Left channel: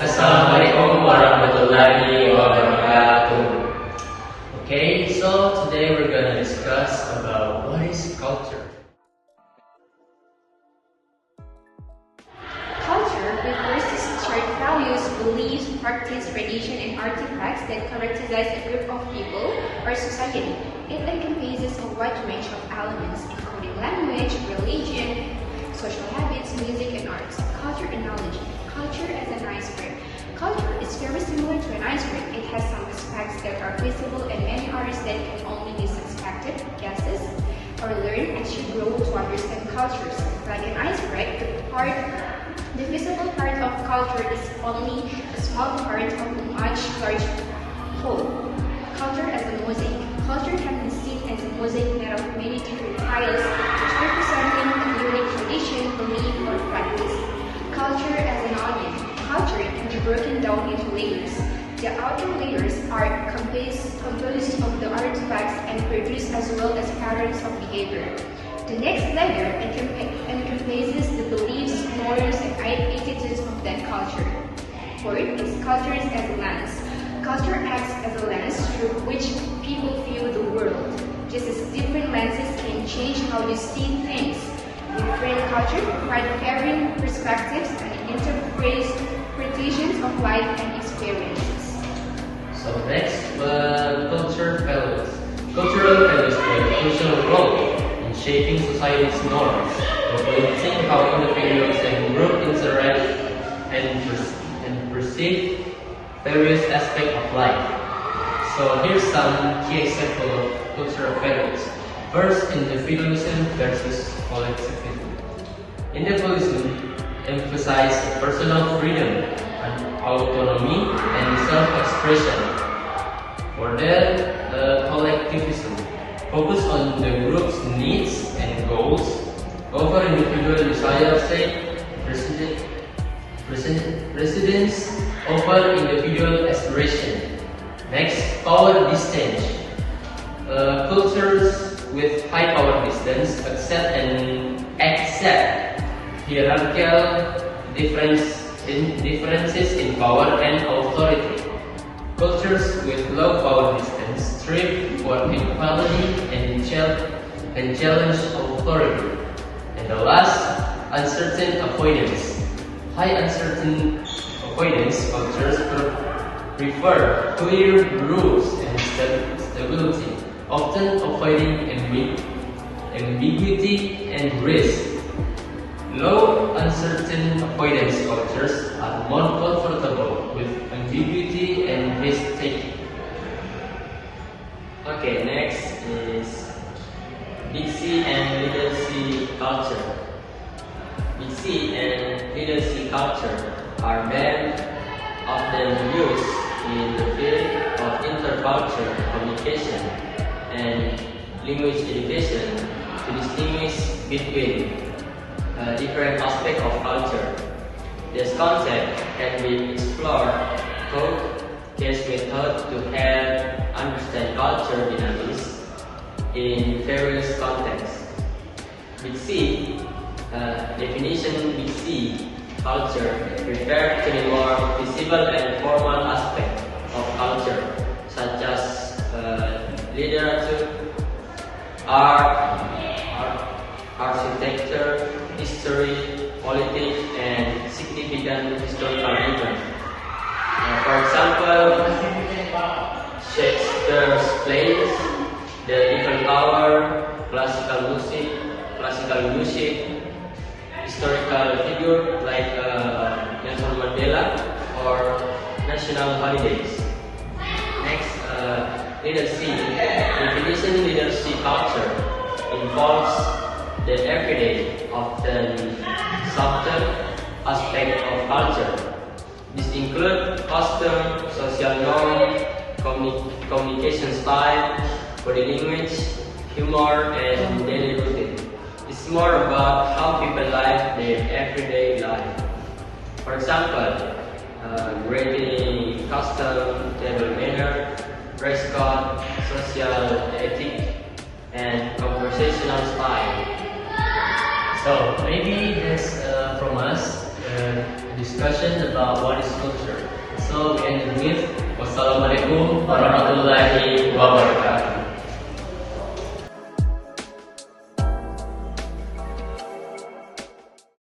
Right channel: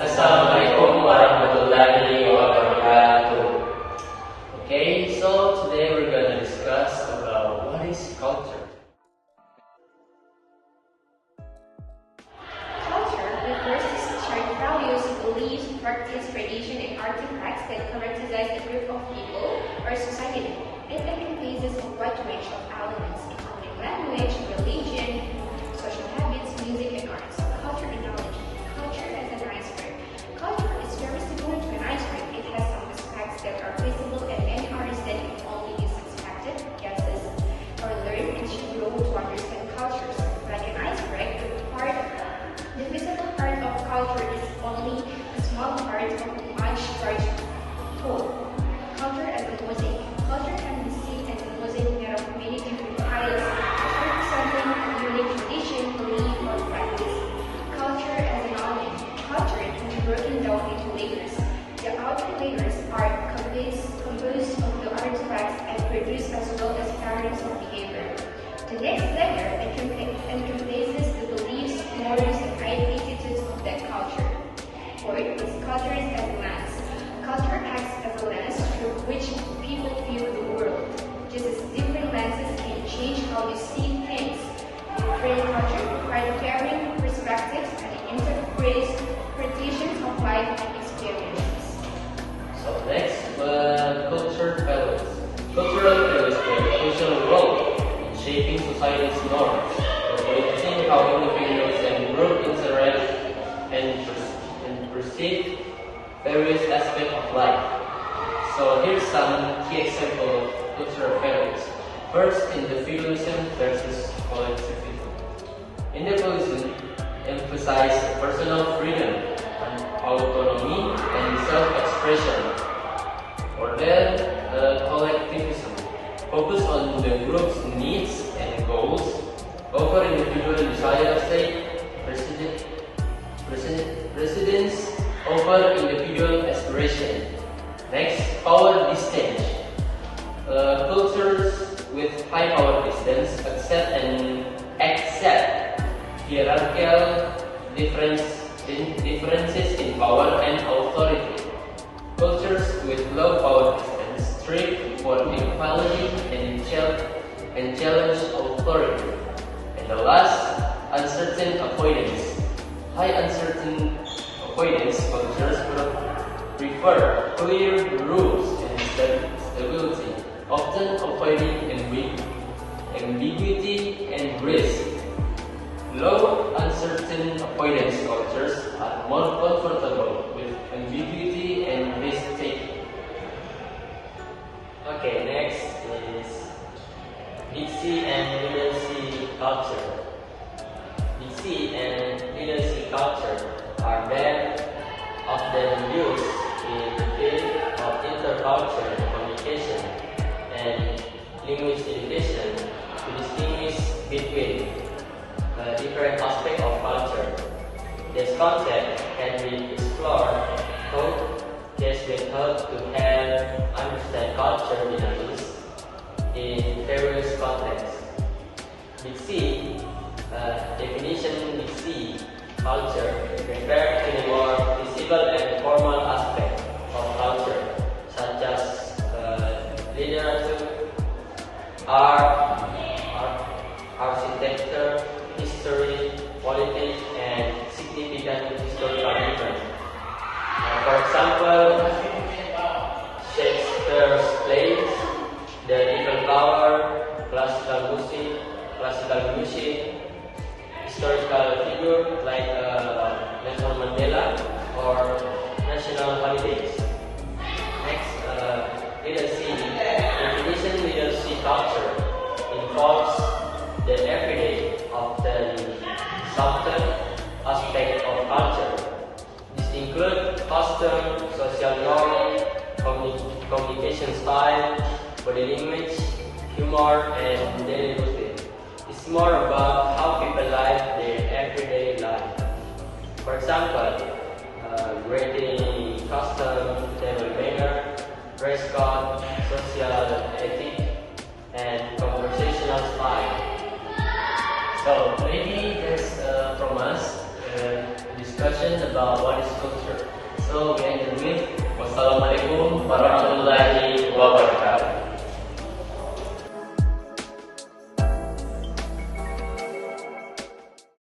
Assalamualaikum warahmatullahi wabarakatuh. Okay, so today we're gonna discuss about what is culture. Culture refers to some shared values, beliefs, practice, tradition, and artifacts that characterize a group of people or society. It encompasses a wide range of elements, including language, religion, social habits, music, and arts. Culture analogy. Culture as an iceberg. Culture is very similar to an iceberg. It has some aspects that are visible and many others that can only be suspected, guesses, or learn as you grow to understand cultures. Like an iceberg, the visible part of culture is only a small part of a much larger whole. Culture as a mosaic. Culture can be seen as a mosaic made of many different tiles, each representing a unique tradition, belief, or practice. Culture as an onion. Culture can be broken down into layers. The outer layers are composed of the artifacts and produced as well as patterns of behavior. The next layer encompasses the beliefs, norms, and identities of that culture. Fourth is culture as a lens. Culture acts as a lens through which people view the world. Just as different lenses can change how you see things, different cultures provide varying perspectives and interpretations of life and experiences. So next, culture values. Cultural values play a crucial role in shaping society's norms, influencing how individuals and groups interact and perceive various aspects of life. So here's some key examples of cultural values. First, individualism versus collectivism. Individualism emphasizes personal freedom, autonomy, and self-expression. For that, collectivism focus on the group's needs and goals over individual desire, say, residence over individual aspiration. Next, power distance. Cultures with high power distance accept hierarchical differences in power and authority. Cultures with low power distance strive for equality and challenge authority. And the last, uncertain avoidance. High uncertain avoidance cultures prefer clear rules and stability, often avoiding ambiguity and risk. Low uncertain avoidance cultures are more comfortable with ambiguity and risk-taking. Okay, next is Big C and Little C culture. Big C and Little C culture are very often used in the field of intercultural communication and language education to distinguish between different aspects of culture. This concept can be explored through case method to help understand culture dynamics in various contexts. Big C definition. Big C culture refers to the more visible and formal aspect of culture, such as literature, art, architecture, history, politics, and significant historical events. For example, Shakespeare's plays, the Eiffel Tower, classical music, historical figures like Nelson Mandela, or national holidays. Next, Little C. Definition. Little C culture involves the everyday, often subtle aspect of culture. This includes custom, social norm, communication style, body language, humor, and daily routine. It's more about how people live their everyday life. For example, greeting, custom, table manner, dress code, social ethic, and conversational style. So maybe this from us discussion about what is culture. people behind the myth